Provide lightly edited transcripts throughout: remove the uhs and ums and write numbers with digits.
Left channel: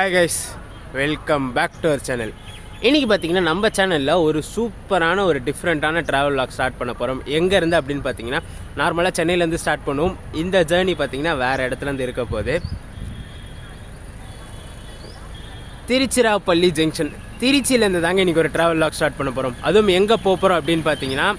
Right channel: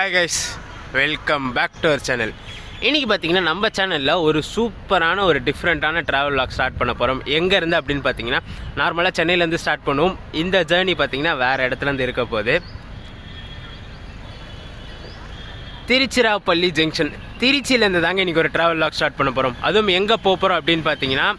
Hi guys, welcome back to our channel. இன்றைக்கி பார்த்தீங்கன்னா நம்ம சேனலில் ஒரு சூப்பரான ஒரு டிஃப்ரெண்ட்டான ட்ராவல் வ்ளாக் ஸ்டார்ட் பண்ண போகிறோம். எங்கேருந்து அப்படின்னு பார்த்தீங்கன்னா நார்மலாக சென்னையிலேருந்து ஸ்டார்ட் பண்ணுவோம். இந்த ஜேர்னி பார்த்தீங்கன்னா வேறு இடத்துலேருந்து இருக்க போகுது. திருச்சிராப்பள்ளி ஜங்ஷன், திருச்சியிலேருந்து தாங்க இன்றைக்கி ஒரு ட்ராவல் வ்ளாக் ஸ்டார்ட் பண்ண போகிறோம். அதுவும் எங்கே போகிறோம் அப்படின்னு பார்த்தீங்கன்னா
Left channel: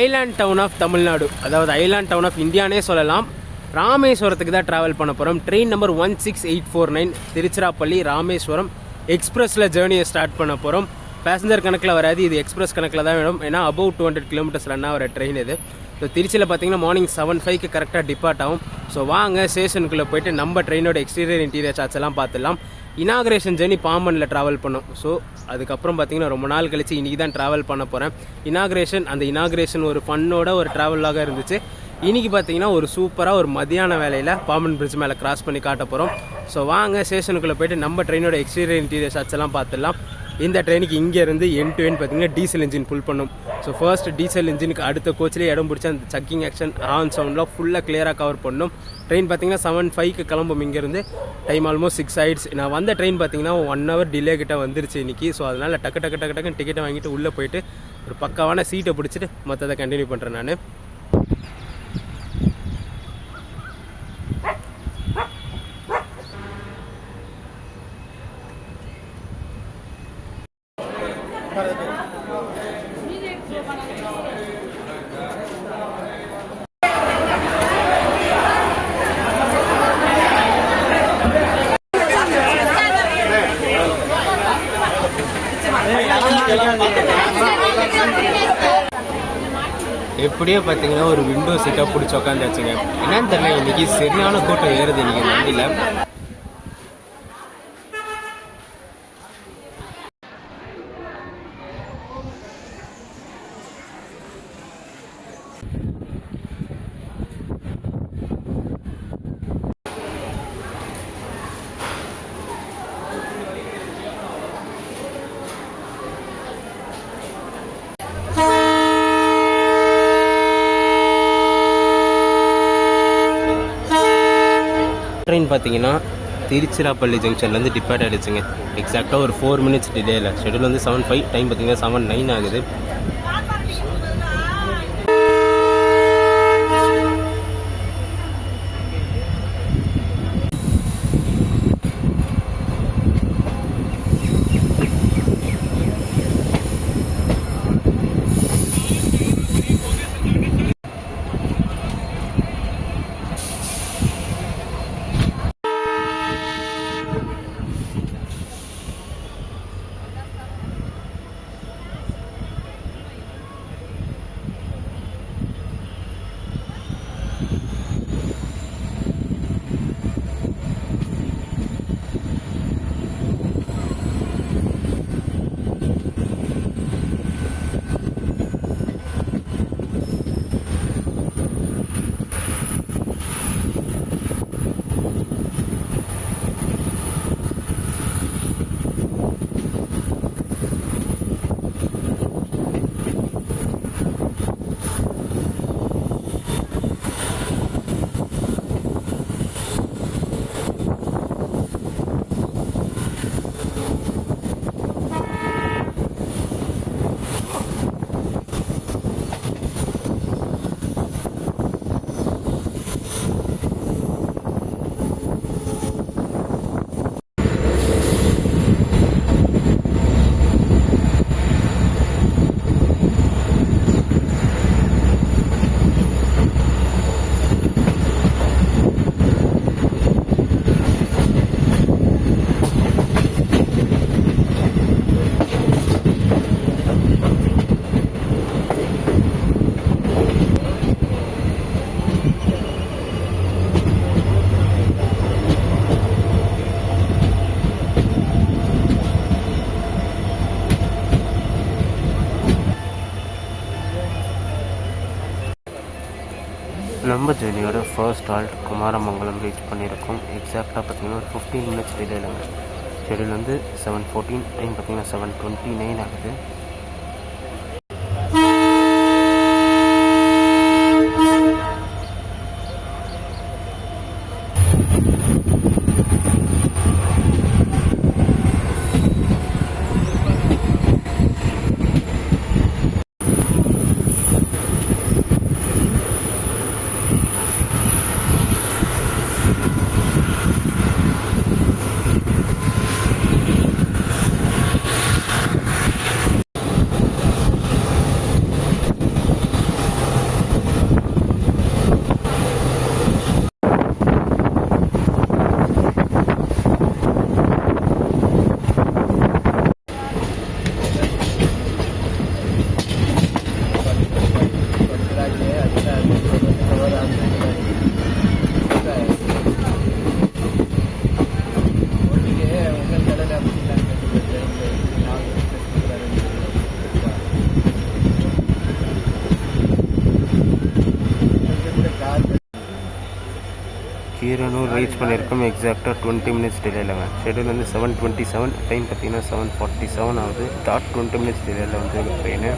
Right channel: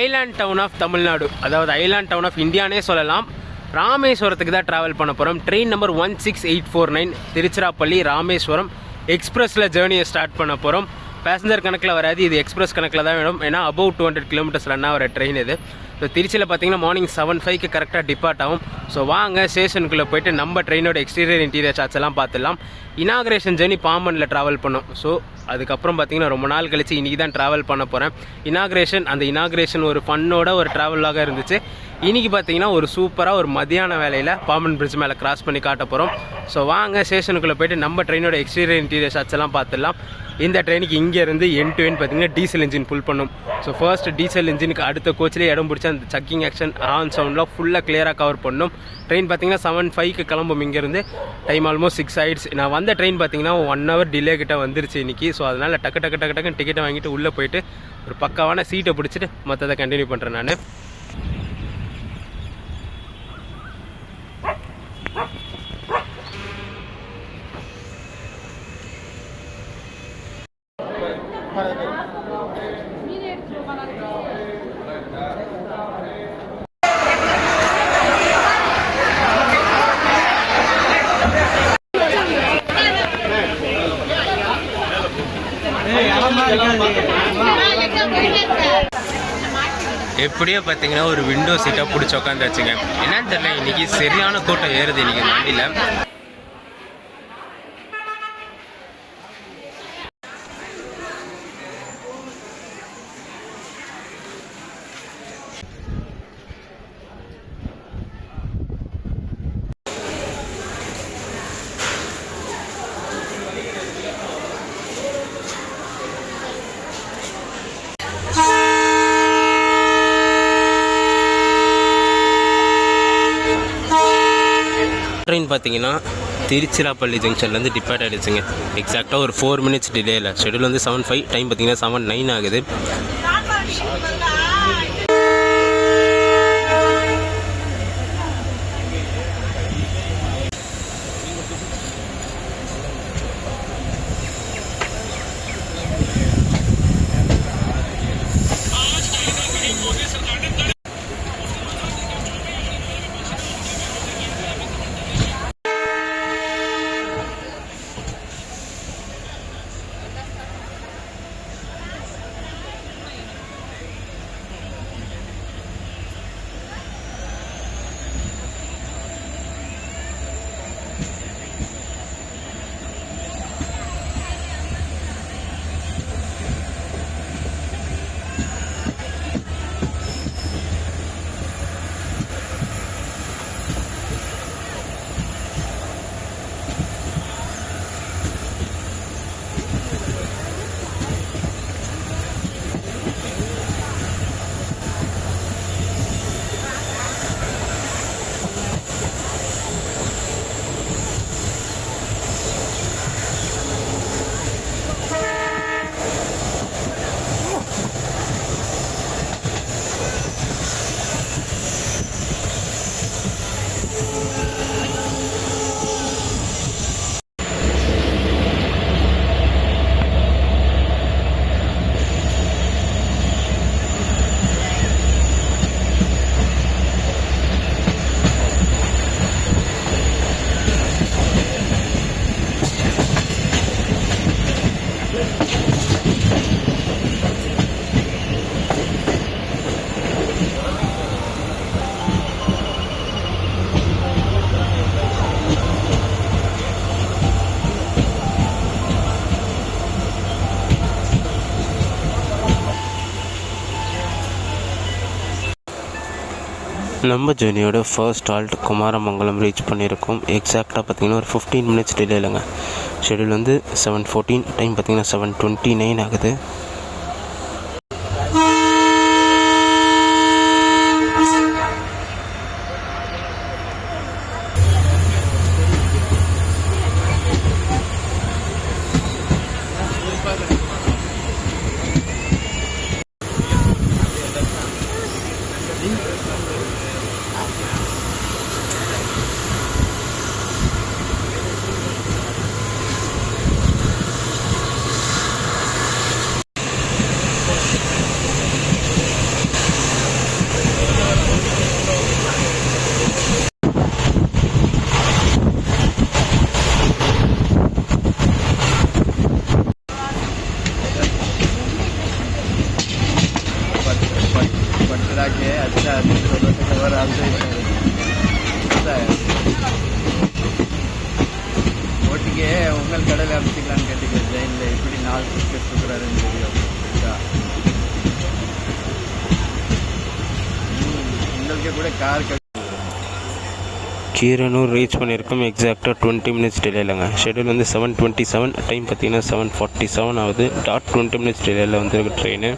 ஐலாண்ட் டவுன் ஆஃப் தமிழ்நாடு, அதாவது ஐலாண்ட் டவுன் ஆஃப் இந்தியானே சொல்லலாம். ராமேஸ்வரத்துக்கு தான் ட்ராவல் பண்ண போகிறோம். ட்ரெயின் நம்பர் 16849 திருச்சிராப்பள்ளி ராமேஸ்வரம் எக்ஸ்பிரஸில் ஜேர்னியை ஸ்டார்ட் பண்ண போகிறோம். பேசஞ்சர் கணக்கில் வராது, இது எக்ஸ்பிரஸ் கணக்கில் தான் வேணும். ஏன்னா அபவ் 200 கிலோமீட்டர்ஸ் ரன் ஆகிற ட்ரெயின் இது. ஸோ திருச்சியில் பார்த்தீங்கன்னா மார்னிங் 7:05 கரெக்டாக டிபார்ட் ஆகும். ஸோ வாங்க ஸ்டேஷனுக்குள்ளே போய்ட்டு நம்ம ட்ரெயினோட எக்ஸ்டீரியர் இன்டீரியர் சார்ட்ஸ் எல்லாம் பார்த்துடலாம். இனாக்ரேஷன் ஜேர்னி பாம்பனில் ட்ராவல் பண்ணோம். ஸோ அதுக்கப்புறம் பார்த்தீங்கன்னா ரொம்ப நாள் கழிச்சு இன்றைக்கி தான் ட்ராவல் பண்ண போகிறேன். அந்த இனாக்ரேஷன் ஒரு ஃபன்னோட ஒரு ட்ராவலாக இருந்துச்சு. இன்றைக்கி பார்த்தீங்கன்னா ஒரு சூப்பராக ஒரு மதியான வேலையில் பாம்பன் பிரிட்ஜ் மேலே கிராஸ் பண்ணி காட்ட போகிறோம். ஸோ வாங்க ஸ்டேஷனுக்குள்ளே போய்ட்டு நம்ம ட்ரெயினோட எக்ஸ்டீரியர் இன்டீரியர் ஷாட்ஸ் எல்லாம் பார்த்துடலாம். இந்த ட்ரெயினுக்கு இங்கேருந்து எண்ட் டு எண்ட் பார்த்தீங்கன்னா டீசல் இன்ஜின் ஃபுல் பண்ணும். ஸோ ஃபர்ஸ்ட் டீசல் இன்ஜினுக்கு அடுத்த கோச்சிலே இடம் பிடிச்சி அந்த சக்கிங் ஆக்ஷன் ஆன் சவுண்ட்லாம் ஃபுல்லாக கிளியராக கவர் பண்ணணும். ட்ரெயின் பார்த்தீங்கன்னா 7:05 கிளம்பும். இங்கேருந்து டைம் ஆல்மோஸ்ட் 6 ஆகிடுச்சு. நான் வந்த ட்ரெயின் பார்த்தீங்கன்னா 1 hour டிலே கிட்ட வந்துருச்சு இன்றைக்கி. ஸோ அதனால் டக்கு டிக்கெட்டை வாங்கிட்டு உள்ளே போயிட்டு ஒரு பக்காவான சீட்டை பிடிச்சிட்டு மற்றதை கண்டினியூ பண்ணுறேன் நான். எப்படியோ பார்த்தீங்கன்னா ஒரு விண்டோ சீட்டாக பிடிச்சி உட்காந்தாச்சுங்க. என்னன்னு தெரியல, இன்றைக்கி சரியான கூட்டம் ஏறுது இன்றைக்கி வண்டியில். ட்ரெயின் பார்த்தீங்கன்னா திருச்சிராப்பள்ளி ஜங்ஷன்லேருந்து டிபார்ட் ஆகிடுச்சுங்க. எக்ஸாக்டாக ஒரு 4 minutes டிலே இல்லை. ஷெடியூல் வந்து 7:05, டைம் பார்த்தீங்கன்னா 7:09 ஆகுது. நம்ம ஜேர்னியோட ஃபர்ஸ்ட் ஹால்ட் குமாரமங்கலம் ரீச் பண்ணியிருக்கோம். எக்ஸாக்டாக பார்த்தீங்கன்னா ஒரு 15 minutes டிலே இல்லைங்க. ஷெடியூல் வந்து 7:14, டைம் பார்த்தீங்கன்னா 7:29 ஆகுது. கீரனூர் ரீச் பண்ணியிருக்கோம் எக்ஸாக்டாக 20 மினிட்ஸ் டிலேலங்க. ஷெடியூல் வந்து 7:27, டைம் பார்த்தீங்கன்னா 7:47 ஆகுது. டாட் 20 மினிட்ஸ் டிலேயில் வந்துருக்கு ட்ரெயின்.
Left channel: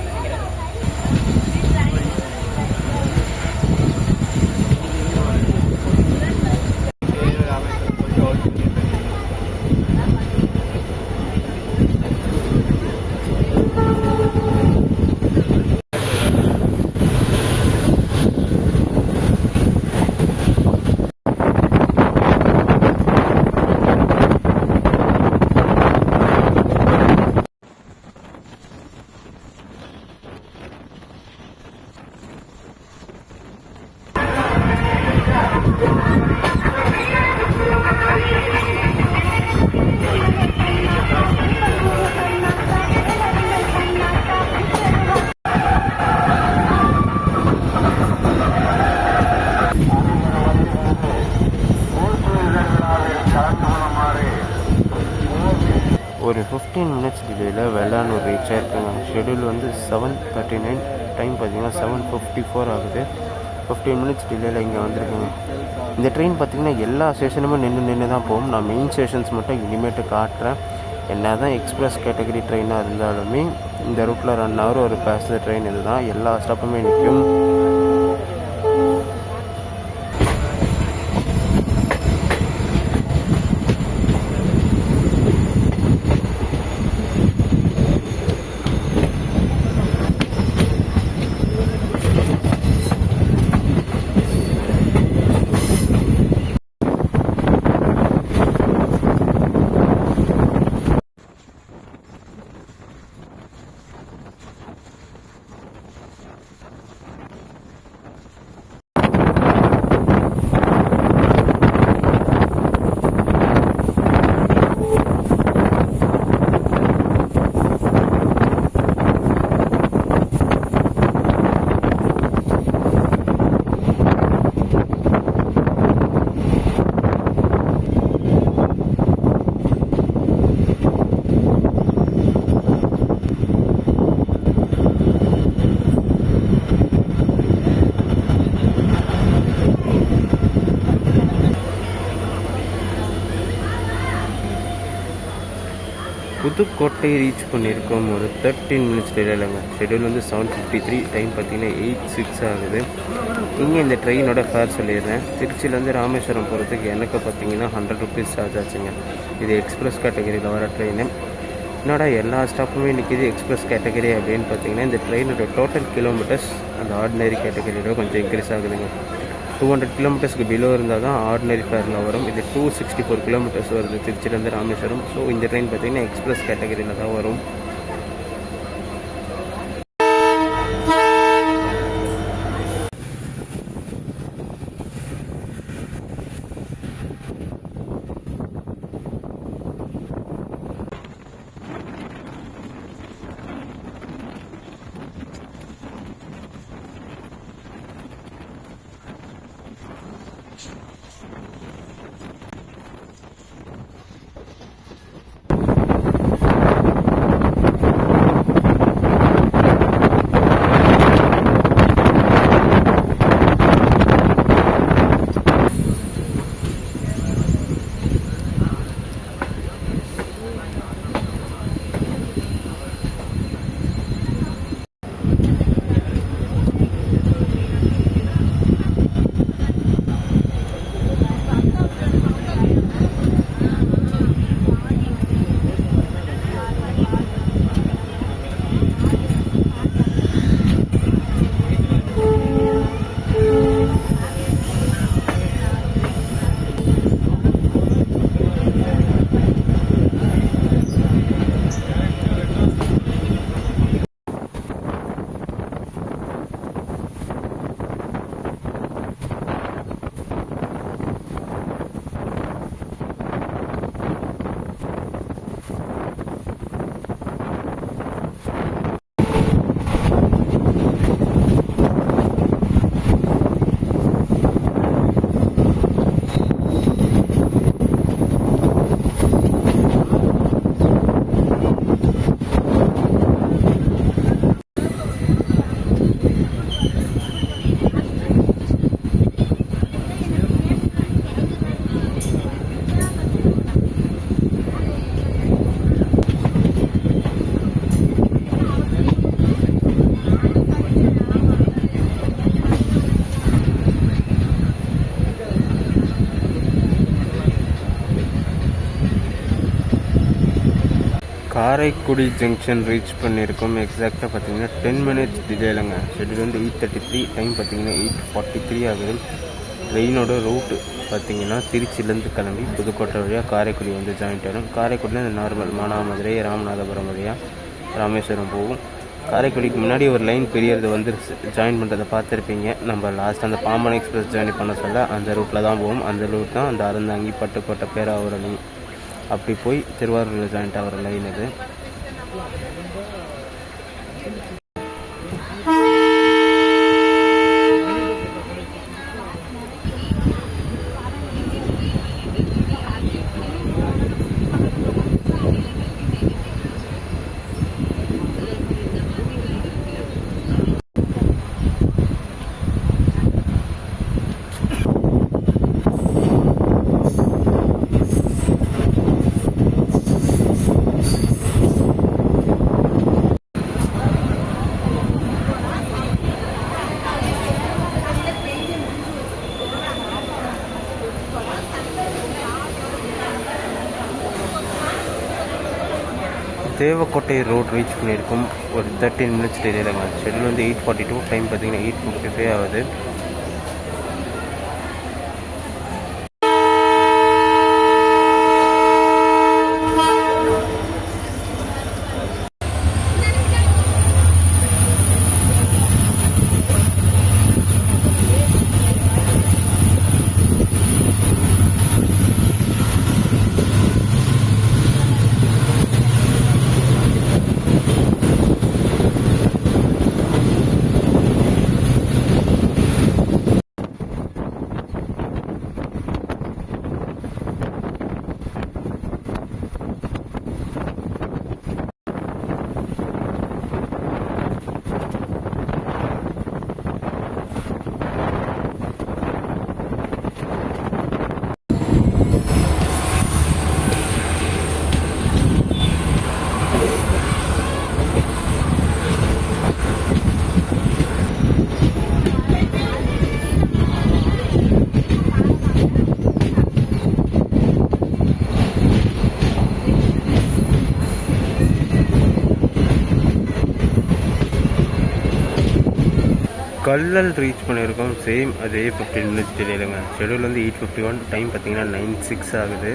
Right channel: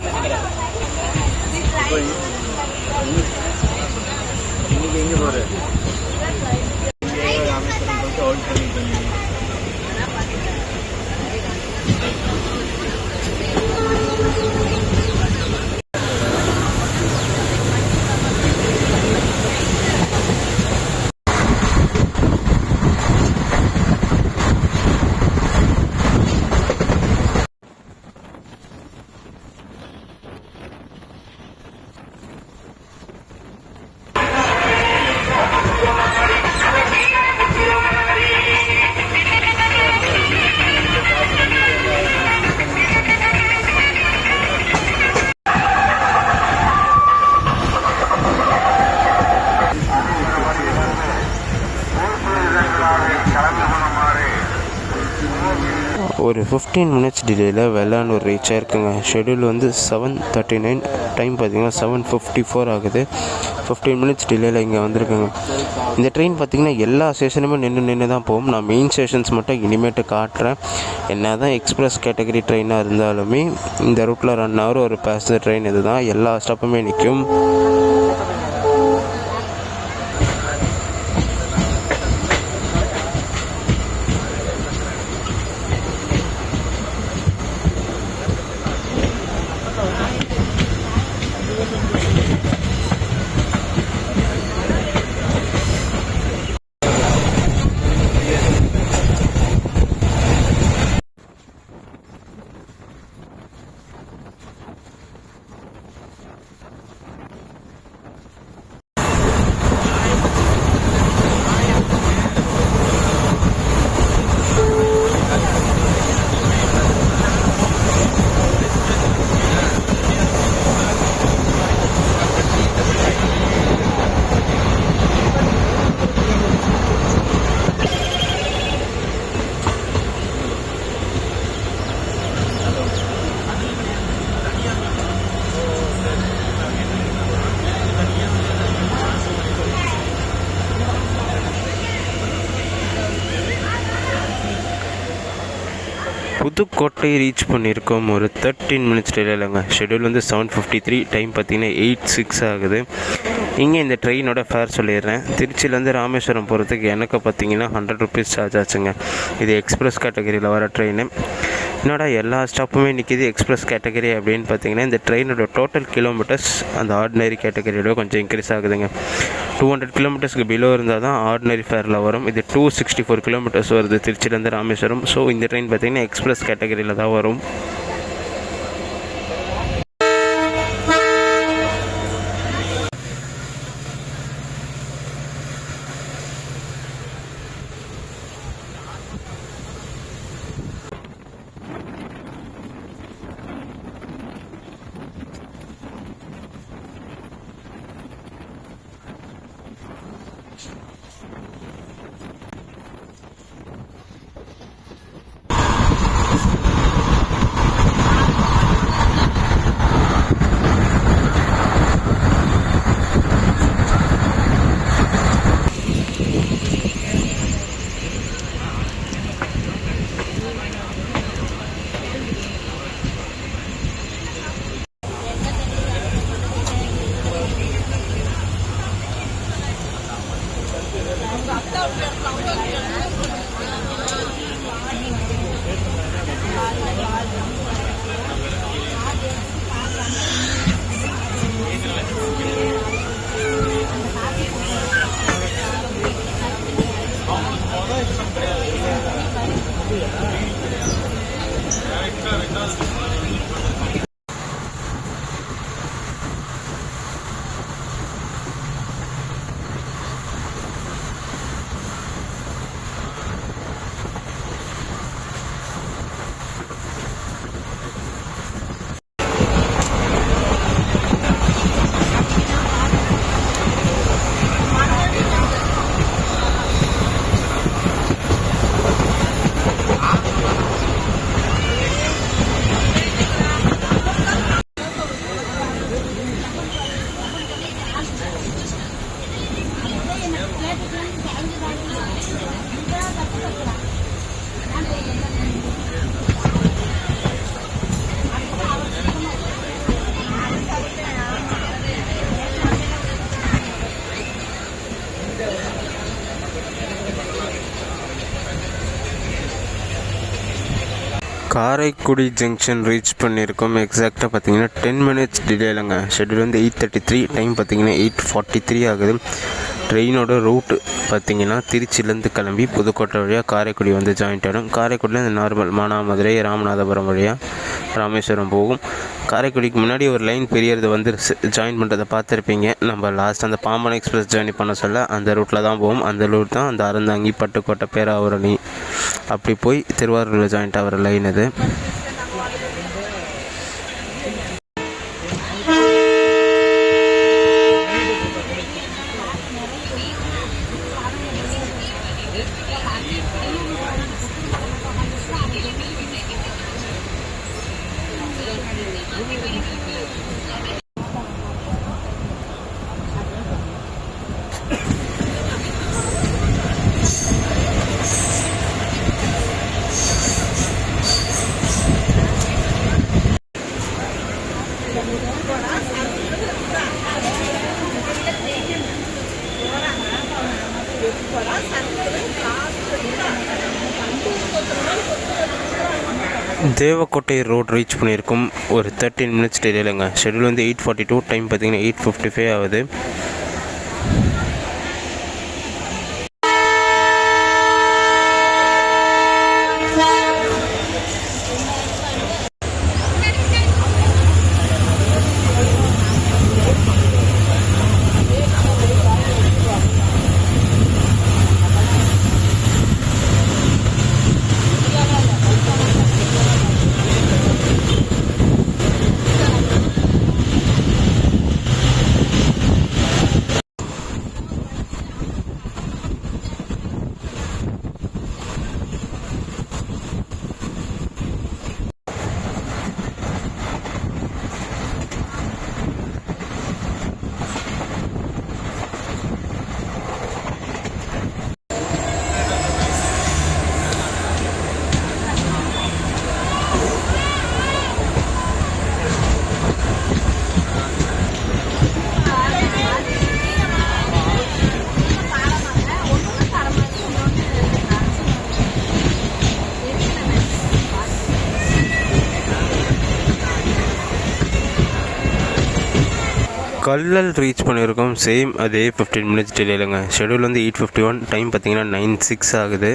ஒரு 15 மினிட்ஸ் டிலேயில் வெள்ளானூர் ரீச் ஆகிருக்குங்க. ஷெடியூல் வந்து 7:39, டைம் பார்த்திங்கன்னா 7:54 ஆகுது. 15 மினிட்ஸ் டிலேயில் இங்கே வந்திருக்குங்க. இந்த ட்ரெயின் பார்த்திங்கன்னா எல்லா ஸ்டேஷனுமே நின்று தான் போகும். நான் மெயின் ஸ்டேஷன்ஸ் மட்டும் இனிமேட்டு காட்டுறேன். என்ன தான் எக்ஸ்பிரஸ் கேட்டகரி ட்ரெயினாக இருந்தாலுமே இந்த ரூட்டில் ரன் ஆகிற ஒரு பேசஞ்சர் ட்ரெயின் இது தான். எல்லா ஸ்டாப்புமே நிற்கும். புதுக்கோட்டை ரீச் பண்ணியிருக்கோம் ஒரு 13 மினிட்ஸ் டிலேலங்க. ஷெடியூல் வந்து 7:53, டைம் பார்த்திங்கன்னா 8:06 ஆகுது. இங்கே இந்த ட்ரெயினோட ஃபேர் சொல்லிடுறேன். திருச்சியிலேருந்து ராமேஸ்வரம் போகிறதுக்கு எனக்கு பார்த்திங்கன்னா 100 ருபீஸ் சார்ஜ் ஆச்சுங்க. இது எக்ஸ்பிரஸ் கேட்டகரியில் வர ட்ரெயின். என்னடா எல்லா ஸ்டாப்புமே நிற்கிது எக்ஸ்பிரஸ் கேட்டகரி அப்படின்னு பார்த்தீங்கன்னா, இந்த ட்ரெயினோட டோட்டல் கிலோமீட்டர்ஸ் அந்த ஆர்டினரி கேட்டகரியோட கொஞ்சம் இன்க்ரீஸ் ஆகுதுங்க. 200 கிலோமீட்டர்ஸ்க்கு பிலோ இருந்தால் தான் ஆர்டினரி ஃபேரில் வரும். இது 264 கிலோமீட்டர்ஸ் வருது திருச்சியிலேருந்து ராமேஸ்வரம். ஸோ இந்த ட்ரெயின் பார்த்திங்கன்னா எக்ஸ்பிரஸ் கேட்டகரியில் தான் வரும். காரைக்குடி ஜங்ஷன் ரீச் பண்ணியிருக்கோம். எக்ஸாக்டாக பார்த்தீங்கன்னா 10 minutes டிலே இல்லைங்க. ஷெட்யூல் வந்து 8:33, டைம் பார்த்தீங்கன்னா 8:43 ஆகுது. ட்ரெயினோட ரூட்டு பார்த்தீங்கன்னா திருச்சியிலேருந்து கிளம்பி புதுக்கோட்டை வழியாக காரைக்குடி வந்து ஜாயின்ட் ஆகிடும். காரைக்குடியில் நார்மல் மானாமதுரை ராமநாதபுரம் வழியாக ராமேஸ்வரம் போகும். காரைக்குடிக்கு முன்னாடி ஒரு லைன் பெரியது வந்து ஜாயின் பண்ணுறதை பார்த்துருப்பீங்க. நம்ம லாஸ்ட் அந்த பாம்பன் எக்ஸ்பிரஸ் ஜாயின் பண்ண சொல்ல அந்த ரூட்டில் தான் போகும். அந்த ரூட் தான் அந்த அறந்தாங்கி பட்டுக்கோட்டை பேராவூரணி அப்படி போய் திருவாரூரில் ஜாயிண்ட் ஆகிற லைன் இது. தேவக்கோட்டை ரோட் ரீச் பண்ணியிருக்கும் ஒரு 13 minutes டிலேலங்க. ஷெட்யூல் வந்து 8:42, டைம் பார்த்தீங்கன்னா 8:55 ஆகுது. கல்லல் ரீச் பண்ணியிருக்கோம். சேம் அதே 15 minutes டிலேலங்க. ஷெட்யூல் வந்து 8:51, டைம் பார்த்தீங்கன்னா 9:06 ஆகுது.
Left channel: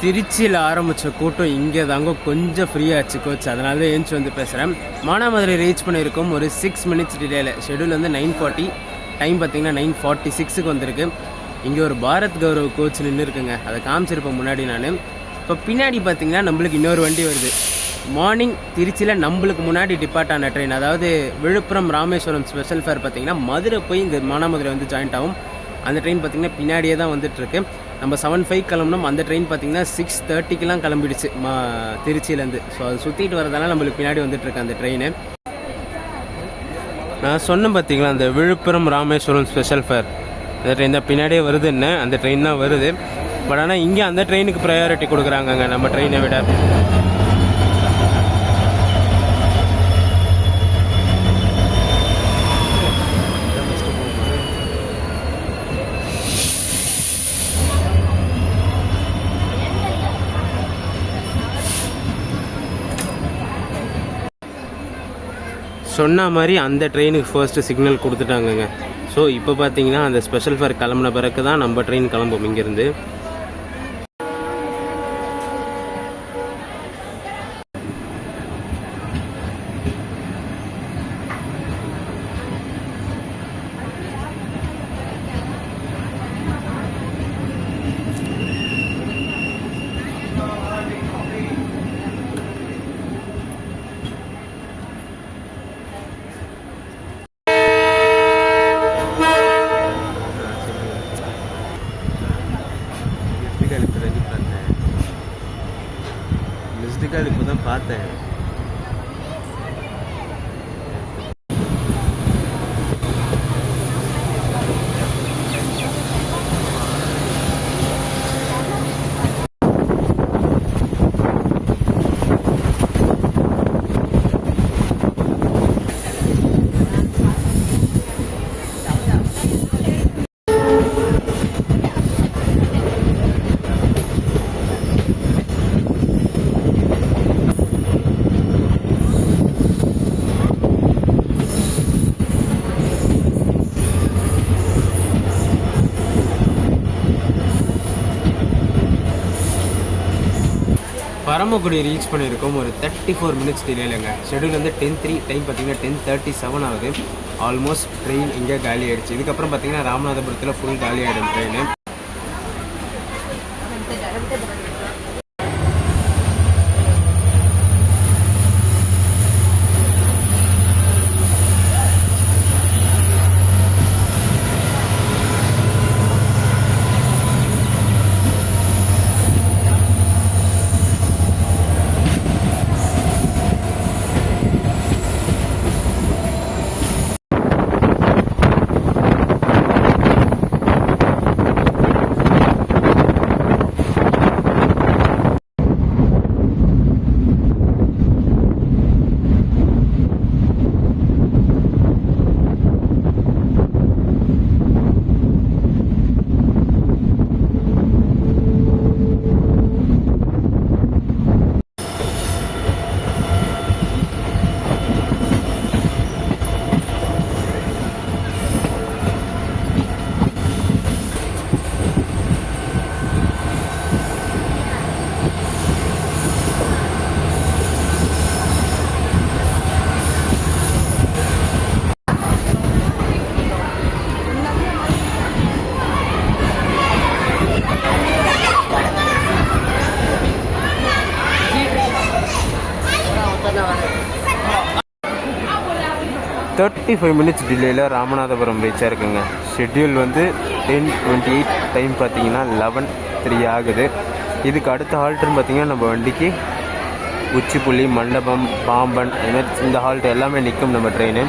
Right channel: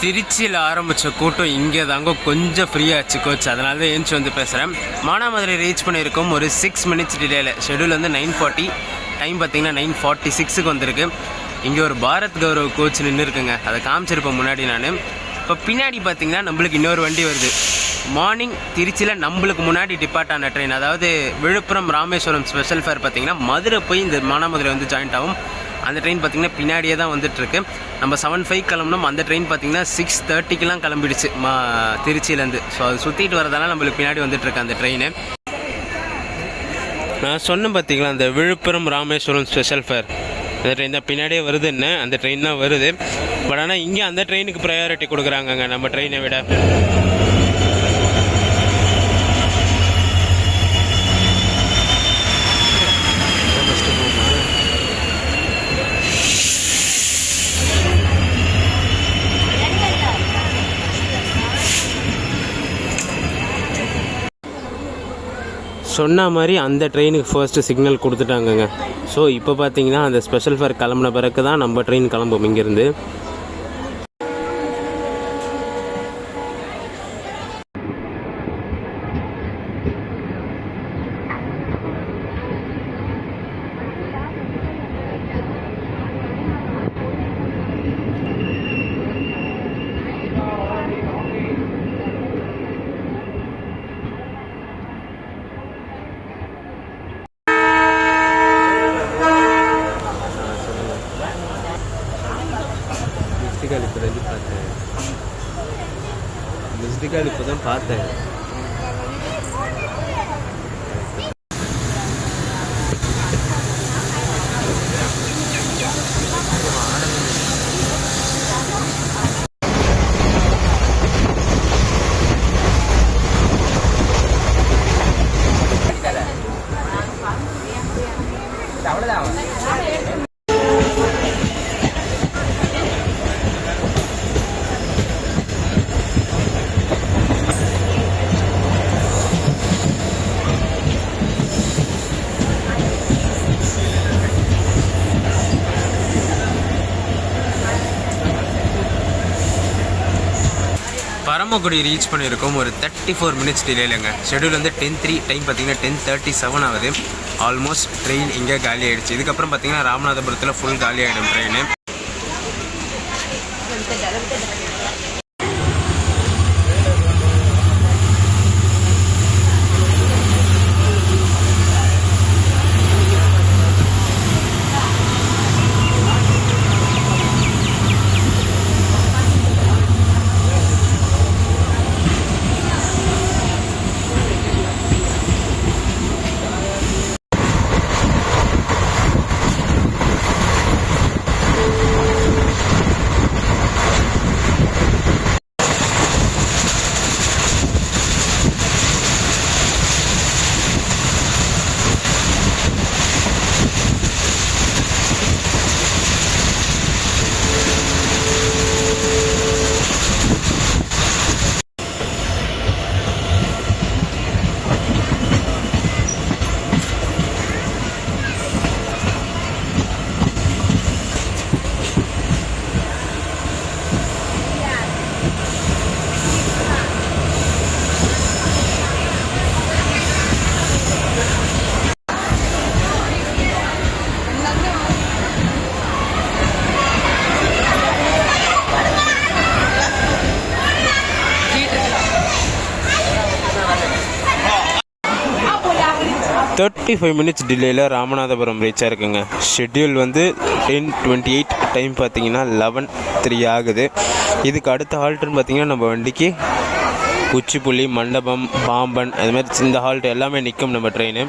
திருச்சியில் ஆரம்பித்த கூட்டம் இங்கே தாங்க கொஞ்சம் ஃப்ரீயாச்சு கோச், அதனால தான் ஏஞ்சி வந்து பேசுகிறேன். மானாமதுரை ரீச் பண்ணியிருக்கோம் ஒரு 6 மினிட்ஸ் டிலேயில். ஷெடியூல் வந்து 9:40, டைம் பார்த்தீங்கன்னா 9:46க்கு வந்திருக்கு. இங்கே ஒரு பாரத் கௌரவ் கோச் நின்று இருக்குங்க, அதை காமிச்சிருப்பேன் முன்னாடி நான். இப்போ பின்னாடி பார்த்தீங்கன்னா நம்மளுக்கு இன்னொரு வண்டி வருது. மார்னிங் திருச்சியில் நம்மளுக்கு முன்னாடி டிபார்ட் ஆன ட்ரெயின், அதாவது விழுப்புரம் ராமேஸ்வரம் ஸ்பெஷல் ஃபேர் பார்த்தீங்கன்னா மதுரை போய் இந்த மானாமதுரை வந்து ஜாயிண்ட் ஆகும். அந்த ட்ரெயின் பார்த்திங்கன்னா பின்னாடியே தான் வந்துட்டுருக்கு. நம்ம 7:05 கிளம்புனோம், அந்த ட்ரெயின் பார்த்திங்கன்னா 6:30க்கெலாம் கிளம்பிடுச்சு திருச்சியிலேருந்து. ஸோ அது சுற்றிட்டு வரதால நம்மளுக்கு பின்னாடி வந்துட்டுருக்கு அந்த ட்ரெயின். நான் சொன்னேன் பார்த்தீங்களா, அந்த விழுப்புரம் ராமேஸ்வரம் ஸ்பெஷல் ஃபேர் அந்த ட்ரெயின் தான் பின்னாடியே வருதுன்னு, அந்த ட்ரெயின் தான் வருது. பட் ஆனால் இங்கே அந்த ட்ரெயினுக்கு ப்ரையாரிட்டி கொடுக்குறாங்கங்க நம்ம ட்ரெயினை விட. சொன்ன மாதிரி அந்த ட்ரெயினுக்கு ஃபர்ஸ்ட்டு சிக்னல் கொடுத்துட்டாங்கங்க. ஸோ இப்போ பார்த்தீங்கன்னா அந்த ஸ்பெஷல் ஃபேர் கிளம்புன பிறகு தான் நம்ம ட்ரெயின் கிளம்பும் இங்கேருந்து. மிஸ்டு கால் இப்போ தான் பார்த்தேன். பரமக்குடி ரீச் பண்ணியிருக்கோம் ஒரு 34 மினிட்ஸ் டிலேலங்க. ஷெடியூல் வந்து 10:03, டைம் பார்த்தீங்கன்னா 10:37 ஆகுது. ஆல்மோஸ்ட் ட்ரெயின் இங்கே காலி ஆகிடுச்சு. இதுக்கப்புறம் பார்த்தீங்கன்னா ராமநாதபுரத்தில் ஃபுல் காலி ஆகிடும் ட்ரெயின். $35 மினிட்ஸ் டிலேயில் ராமநாதபுரம் ரீச் ஆகிருக்குங்க. ஷெட்யூல் வந்து 10:28, டைம் பார்த்தீங்கன்னா 11:03 ஆகுது. இதுக்கு அடுத்த ஹால்ட்டுன்னு பார்த்தீங்கன்னா நம்ம வண்டிக்கு உச்சிப்புள்ளி, மண்டபம், பாம்பன், அதுமாதிரி இந்த ஹால்ட் எல்லாமே நிற்கும் நம்ம ட்ரெயின்.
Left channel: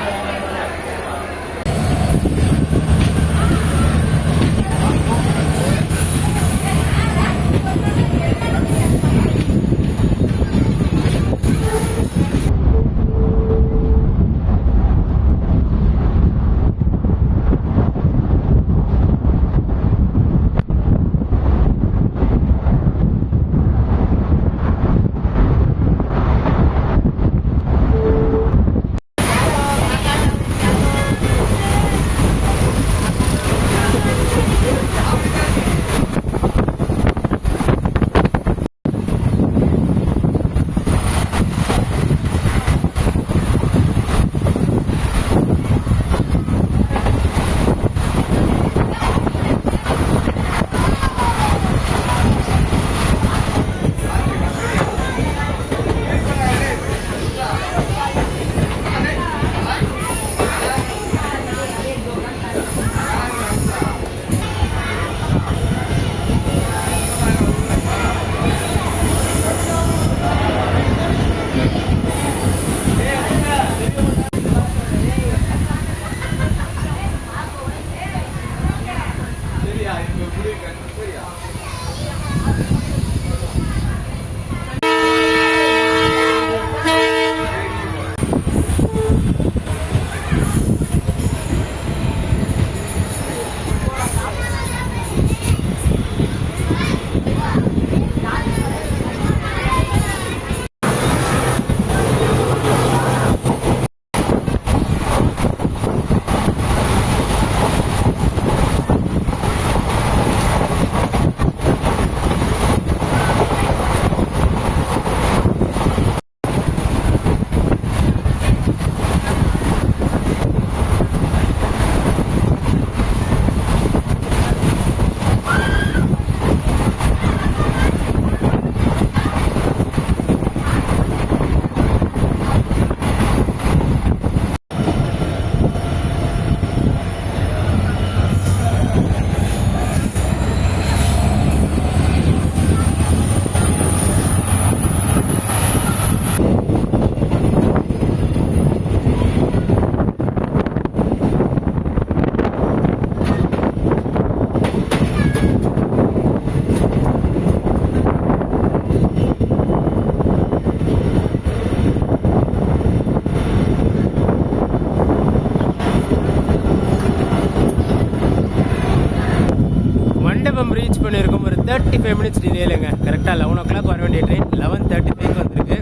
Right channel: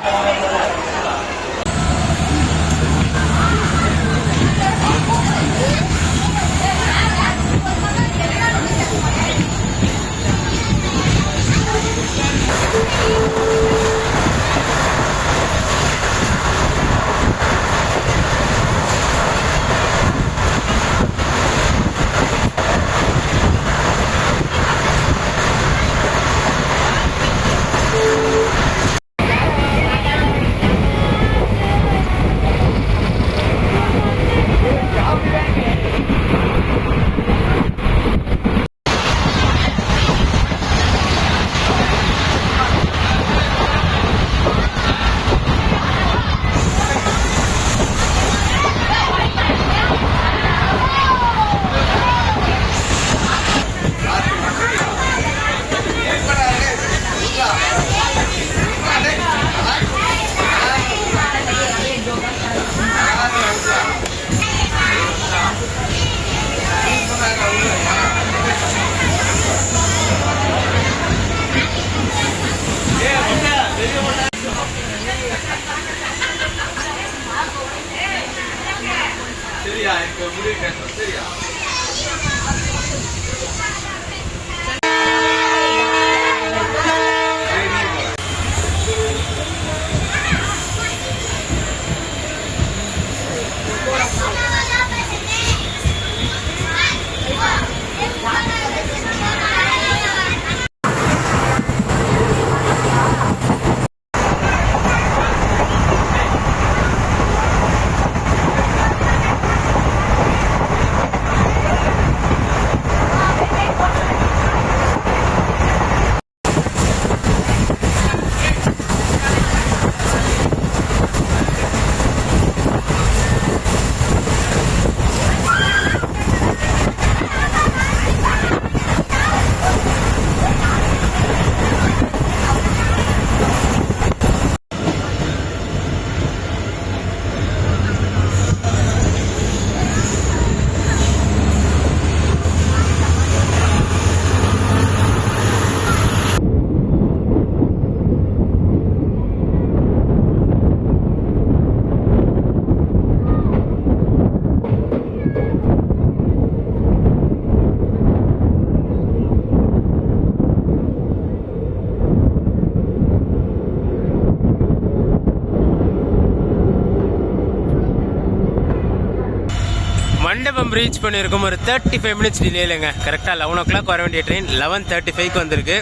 ரீச் பண்ணியிருக்கோம் ஒரு 35 மினிட்ஸ் டிலேலங்க. கரெக்டாக 11 o'clock வர வேண்டிய ட்ரெயின் 11:35க்கு வந்திருக்கு.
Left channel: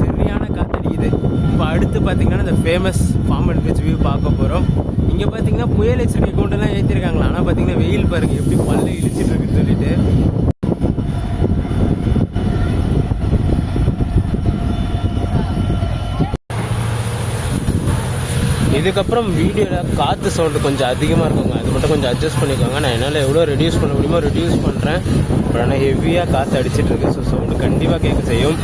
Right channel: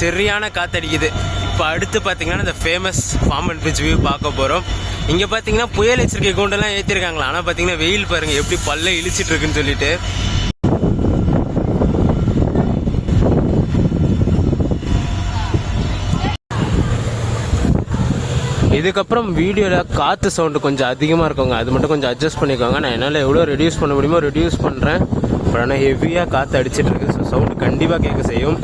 சரியான காற்றடிக்குது. இப்போ அடுத்து பார்த்தீங்கன்னா இந்த ஃபேமஸ் பாம்பன் பிரிட்ஜ் வியூ பார்க்க போகிறோம். இங்கே பார்த்தீங்கன்னா புயல் எச்சரிக்கை கூண்டெல்லாம் ஏற்றிருக்காங்களா, ஆனால் பார்த்தீங்கன்னா வெயில் பாருங்கள் எப்படி பல்ல இழிச்சிட்டு இருக்குன்னு சொல்லிட்டு. இதுக்கப்புறம் வீடியோவில் காற்று சவுண்டு கொஞ்சம் அதிகமாக இருக்குங்க, அது மட்டும் கொஞ்சம் அட்ஜஸ்ட் பண்ணிக்கோங்க. நான் என்னால் எவ்வளோ ரெடியூஸ் பண்ண முடியுமோ ரெடியூஸ் பண்ணுறேன். பட் ஆனால் ஹெவியாக காற்று அடிச்சிட்டு இருக்கு, ஸோ சவுண்டு கண்டிப்பாக கேட்க செய்யும்.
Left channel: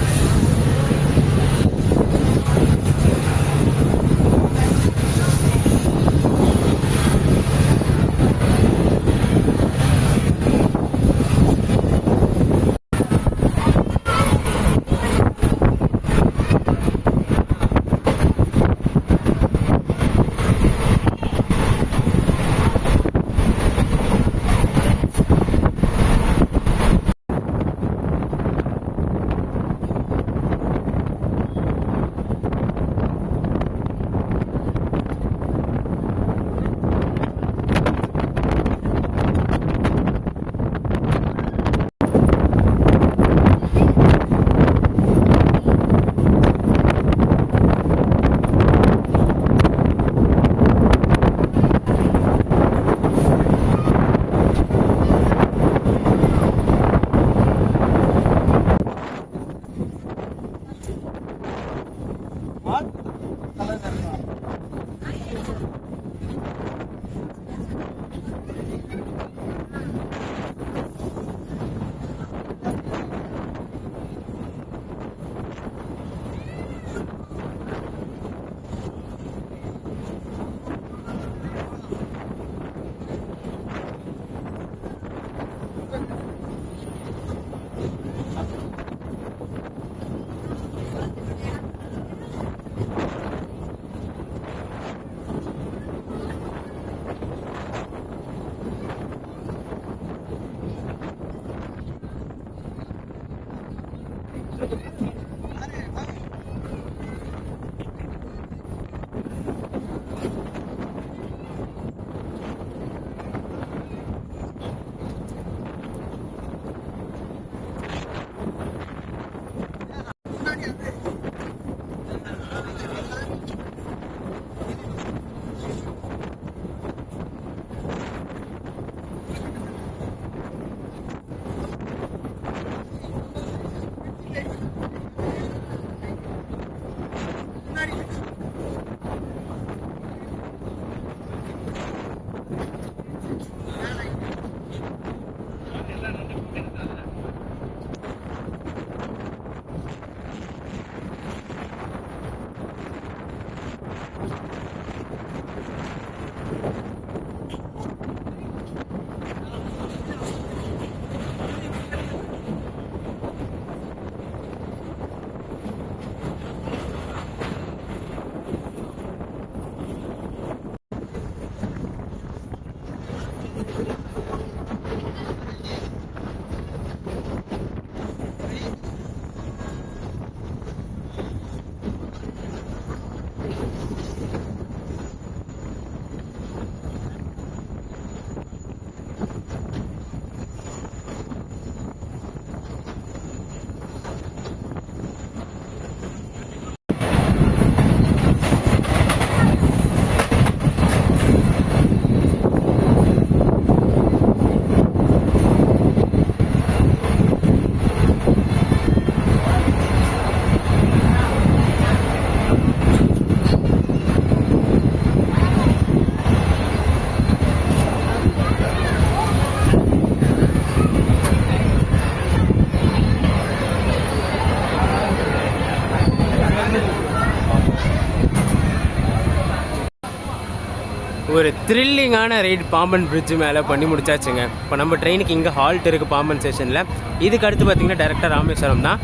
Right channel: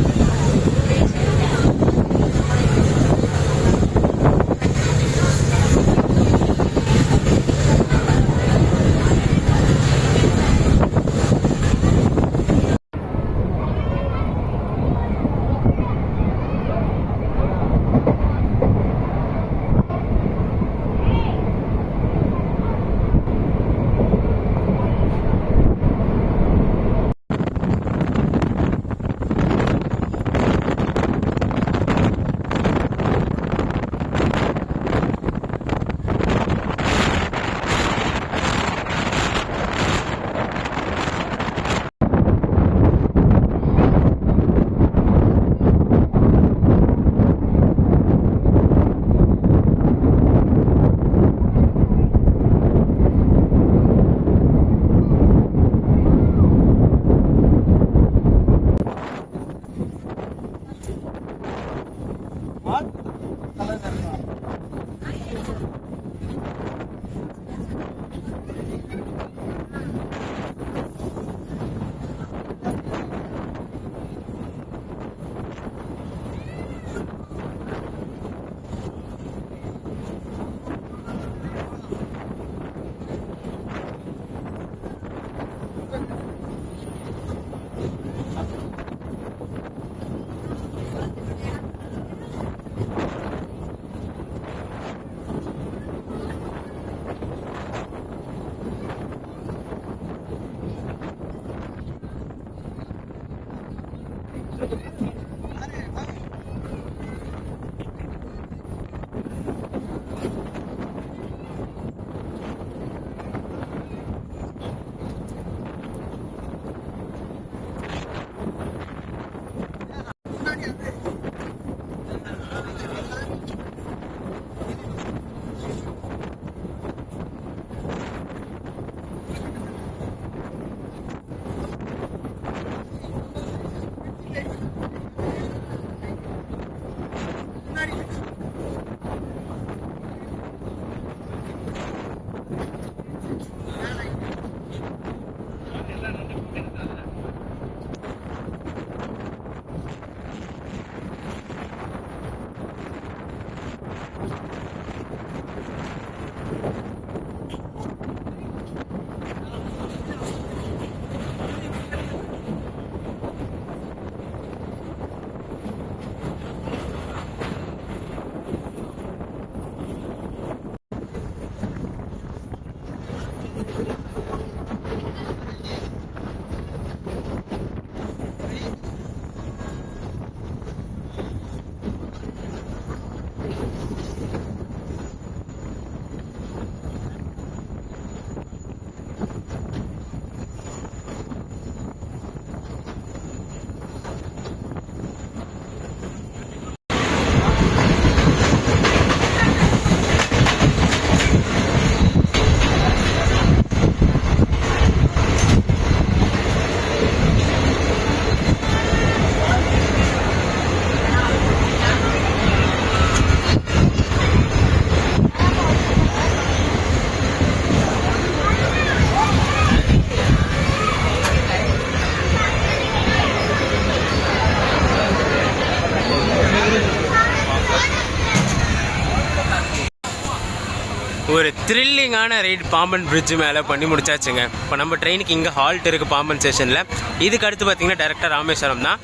ஒரு த்ரில்லிங்கான ரைட் பாம்பன் பிரிட்ஜ் மேலே பண்ணி முடிச்சாச்சுங்க. இப்போ நம்ம ட்ரெயினுக்கு இங்கே ஹால்ட் இருக்குது பாம்பன் ஸ்டேஷனில். இதுக்கு அடுத்து பார்த்திங்கன்னா டேரெக்டாக ராமேஸ்வரம் தான்.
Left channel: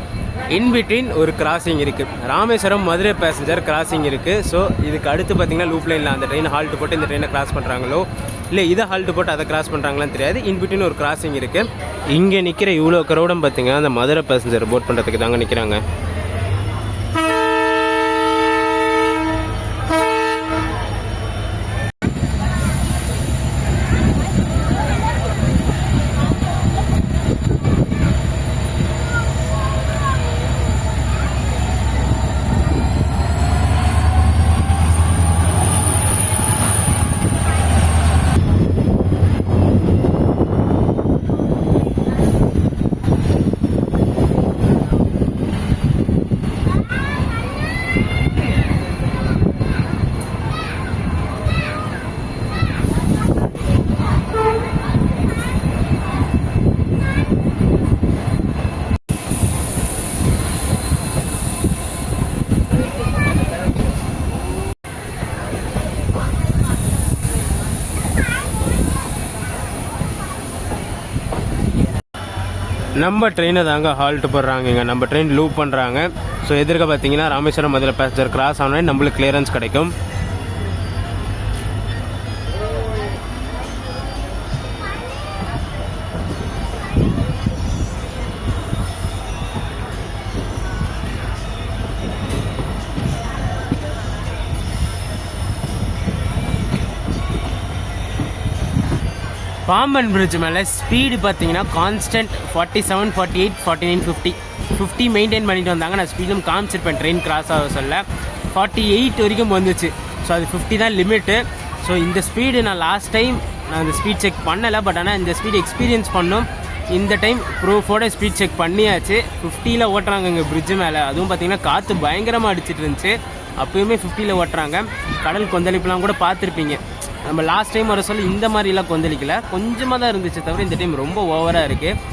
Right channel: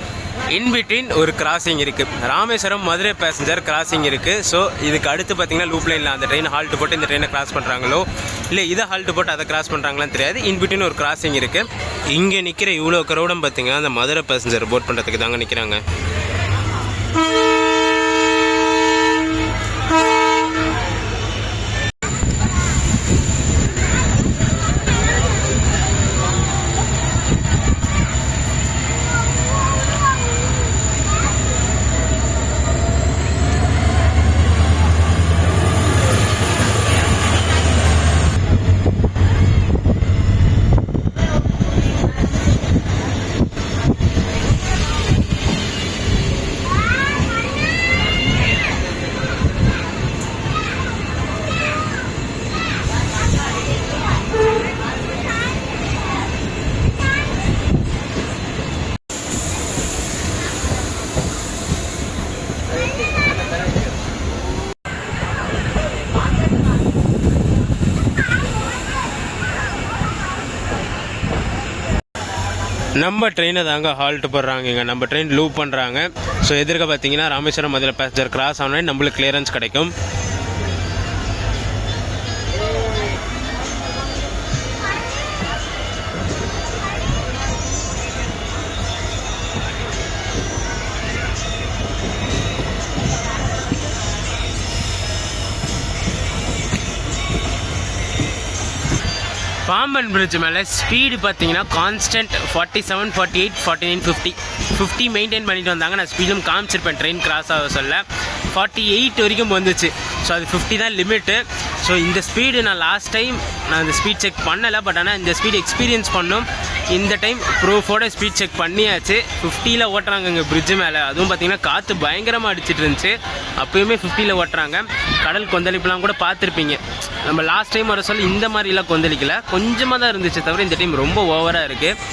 இன்பிட்வீன் ஒரு கிராசிங் இருக்குது, ராமேஸ்வரம் மதுரை பேசஞ்சர் கிராசிங் இருக்குது. ஸோ இதுக்கு அடுத்து பார்த்திங்கன்னா லூப் லைனில் அந்த ட்ரெயின் ஹால்ட்டு போட்டு இந்த ட்ரெயினை கிராஸ் பண்ணுறாங்களோ இல்லை இதை ஹால்ட்டு போட்டு அதை கிராஸ் பண்ணுறாங்களான்னு தெரியாது. இன்பிட்வீன் ஒரு கிராசிங் இருக்குது. இங்கே நிற்கிற இவ்வளோ க்ரௌடும் பார்த்திங்கன்னா அந்த மதுரை பேசஞ்சர் போட் பண்ணுறதுக்கு தாங்க நிற்கிறாங்க. நம்ம ட்ரெயினை தாங்க ஹால்ட் போடுறாங்க. நம்ம ட்ரெயின் லூப் பண்ணுறாங்க. ஸோ எதிர்க்க பார்த்தீங்கன்னா ராமேஸ்வரம் மதுரை பேசஞ்சர் கிராஸ் ஆனால் நம்மளுக்கு கிளியரன்ஸ் கிடைக்கும். பாம்பன் பிரிட்ஜ் மேலே ஸ்பீடு பார்த்தீங்கன்னா கான்ஸ்டன்ட் 47, 48, 49, 50 மெயின்டைன் பண்ணிட்டு வந்தாங்க. நான் ஸ்பீடும் காமிச்சிருப்பேன் ட்ரெயின் கிராஸ் ஆக சொல்ல. 48 வரைக்கும் வந்துச்சு. ஸோ அது 50 தான் லிமிட்டு. ஸோ இந்த ஸ்பீடு நான் லாஸ்ட் டைம் நான் இந்த ஸ்பீட் செக் பண்ணலை. பட் ஆனால் இந்த ஸ்பீடு எக்ஸ்பீரியன்ஸ் பண்ணோம். இந்த டைம் ப்ரூஃபோட ஸ்பீட் செக் பண்ணியாச்சு. 50ல் ஓட்டுறாங்க இங்கே பிரிட்ஜு மேலே. அதுவும் பார்த்திங்கன்னா காற்று பயங்கரமாக அடிச்சிட்டு இருந்துச்சு. அப்போயுமே 50ல் ஓட்டுறாங்க. கடல் கொந்தளிப்புலாம் கூட பார்த்துருப்பீங்க. நம்ம லாஸ்ட் டைம் வர சொல்ல இந்த மாதிரிலாம் கொந்தளிக்கல, கொஞ்சமாக தான் இருந்துச்சு தவிர இந்த டைம் ரொம்ப ஓவராக இருக்குது.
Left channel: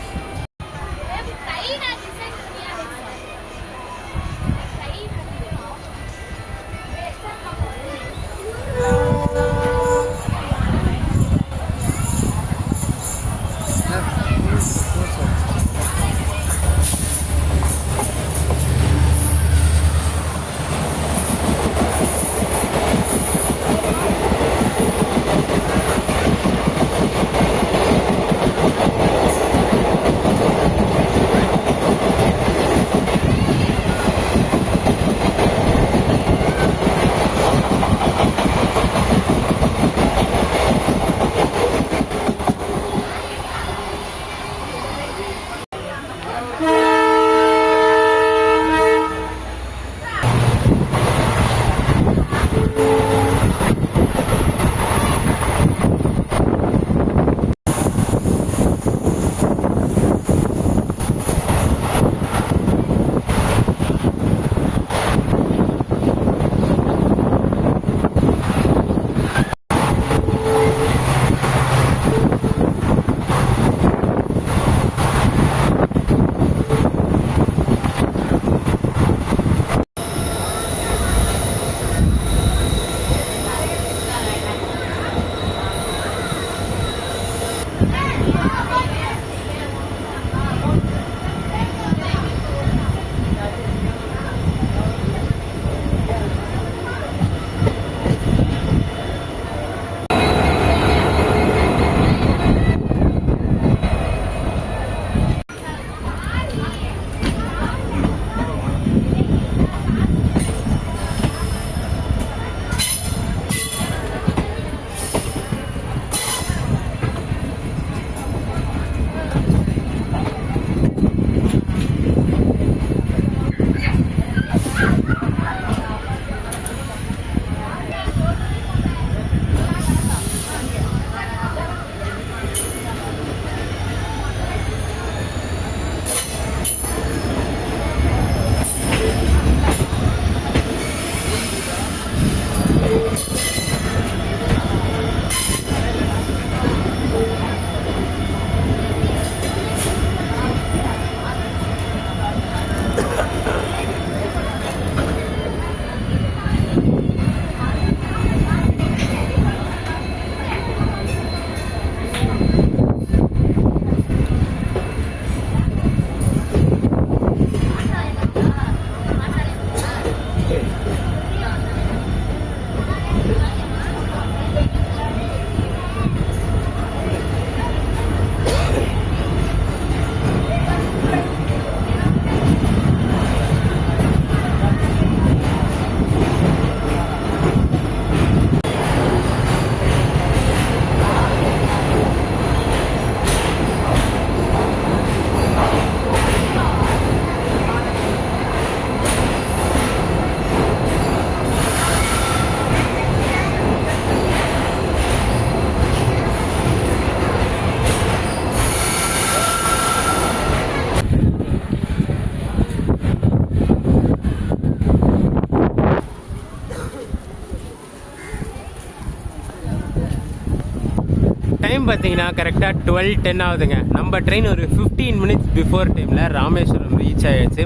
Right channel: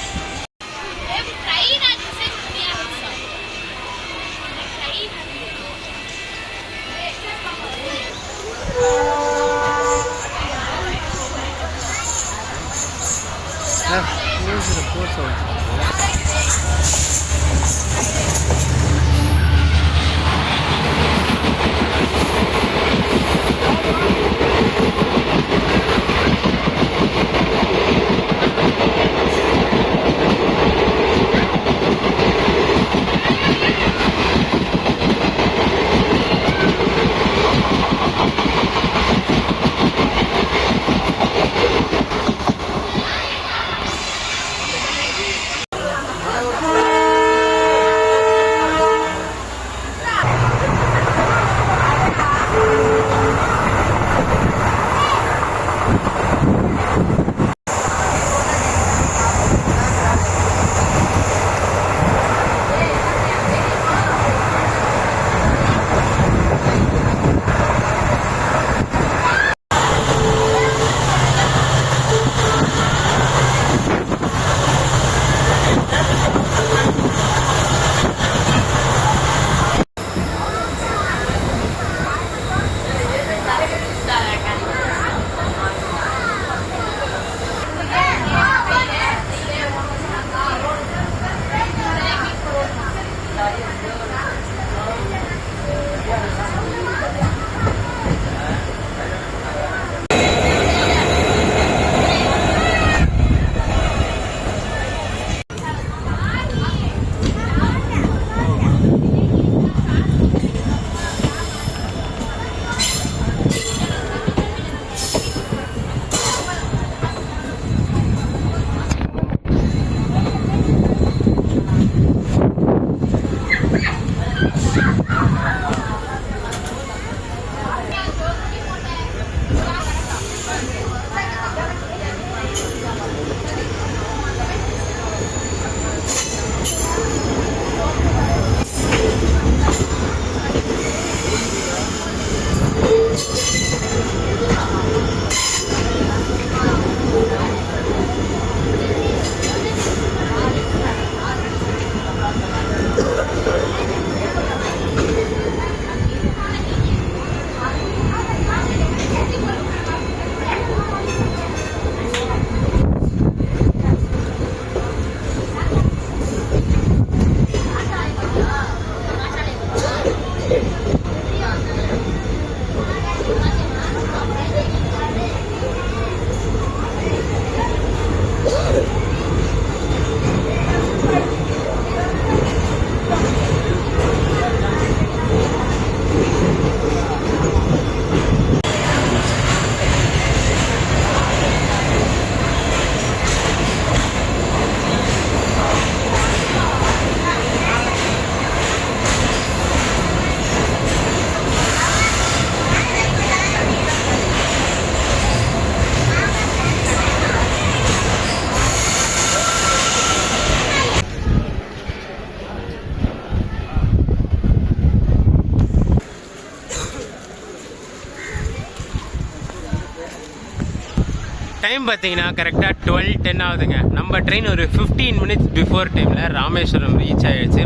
டைம் பார்த்தீங்கன்னா கரெக்டாக 12:10 ஆகுதுங்க. நம்ம ட்ரெயின் ஒரு 15 மினிட்ஸ் பிஃபோர் டைமில் ராமேஸ்வரம் ரீச் ஆகிடுச்சு.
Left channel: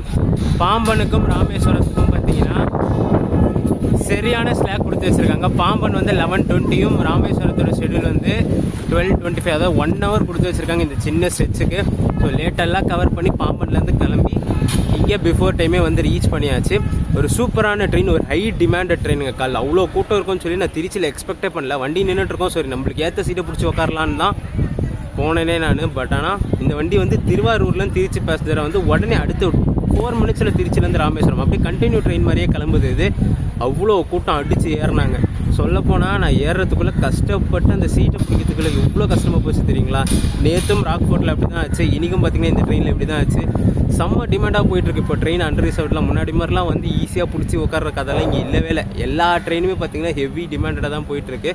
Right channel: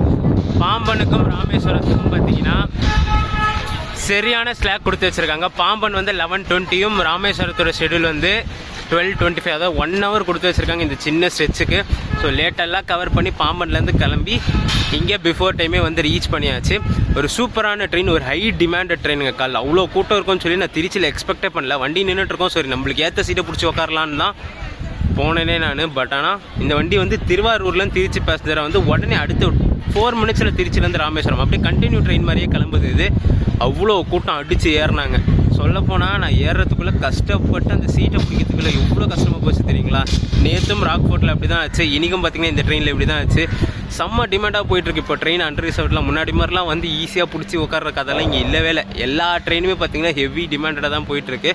பாம்பனுக்கும் ராமேஸ்வரத்துக்கும் பார்த்தீங்கன்னா சரியான ஸ்லாக் கொடுத்து வச்சுருக்காங்க. பாம்பன் வந்து 11:20யும் ராமேஸ்வரத்தோட ஷெடியூல் வந்து 12:25, அதாவது 1 ஹவர் கொடுத்து வச்சுருக்காங்க இந்த சின்ன ஸ்ட்ரெச்சுக்கு. ஸோ லேட்டெல்லாம் கவர் பண்ணி பாம்பன்லேருந்து கிளம்பி இங்கே பிஃபோர் டைமே வந்து ரீச் பண்ணியாச்சு. ஒரு சூப்பரான ட்ரெயின், ஒரு ஹை டிமாண்டட் ட்ரெயினுங்க. கால் அவ்வளோ கூட்டம் இருக்கும்னு சொல்லி நான் திருச்சியில் எக்ஸ்பெக்டே பண்ணல. வண்டி நின்றுட்டுருக்கோம், சரி நம்மளுக்கு ஏற்ற சீட்டை பிடிச்சி உட்காரலான்னு தான் போனேனே நான். பட் ஆனால் இந்த வண்டி வந்து திருவாரூர்லேருந்து திருச்சி பேசஞ்சரை வந்து உடனே அடுத்து 4 மினிட்ஸில் திருச்சிலேருந்து ராமேஸ்வரம் அப்படியே கண்டினியூ ட்ரெயின் மாதிரியே கிளம்புது. இது அவ்வளோ கூட்டம் அடித்து ஏறினாங்க. சொல்லப்போனால் நான் ஏறுறதுக்குள்ளே கஷ்டப்பட்டு அந்த சீட்டை பிடிக்கிறதுக்குள்ளே எவ்வளோ கஷ்டமாக போச்சு தெரியுங்களா. நேற்றும் ராக்ஃபோர்ட்டில் அப்படி தான் ஆச்சு, இன்றைக்கும் பார்த்திங்கன்னா இந்த ட்ரெயினில் இப்படி தான் ஆச்சு. செம்ம டிமாண்டாக போயிட்டுருக்கு இப்போ ட்ரெயின். அன்ரிசர்வ்ட்லாம் முன்னாடி மாதிரிலாம் வந்து ஈஸியாக பிடிச்சி உட்கார்ற கதெல்லாம் இங்கே இல்லவே இல்லை. எல்லா ட்ரெயினுமே பார்த்திங்கன்னா ஹெவி டிமாண்டடாக தான் போயிட்டுருக்கு.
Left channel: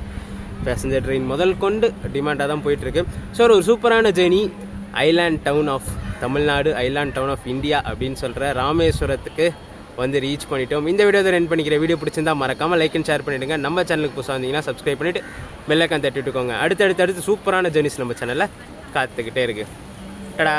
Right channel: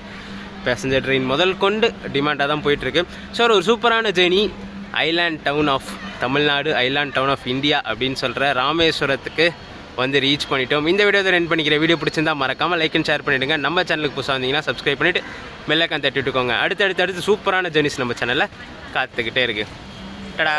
பேசஞ்சர் ட்ரெயின் முதல் கொண்டு டிமாண்டாக தான் போயிட்டுருக்கு. ஸோ ஒரு சூப்பரான journey. Island town of Tamil Nadu, island town of India அப்படின்னு சொல்கிற ராமேஸ்வரத்துக்கு வந்து ரீச் பண்ணிட்டோம். இந்த வீடியோ தான் ரெண்ட் பண்ணிக்கிற. வீடியோ பிடிச்சிருந்தா மறக்காமல் லைக் அண்ட் ஷேர் பண்ணிவிடுங்க. நம்ம சேனலுக்கு புதுசாக வந்தீங்கன்னா சப்ஸ்கிரைப் பண்ணிவிட்டு பெல் ஐகான் தட்டிட்டுக்கோங்க. அடுத்து சூப்பரான ஜேர்னிஸ் நம்ம சேனலில் காத்துக்கிட்டே இருக்குது. டடா.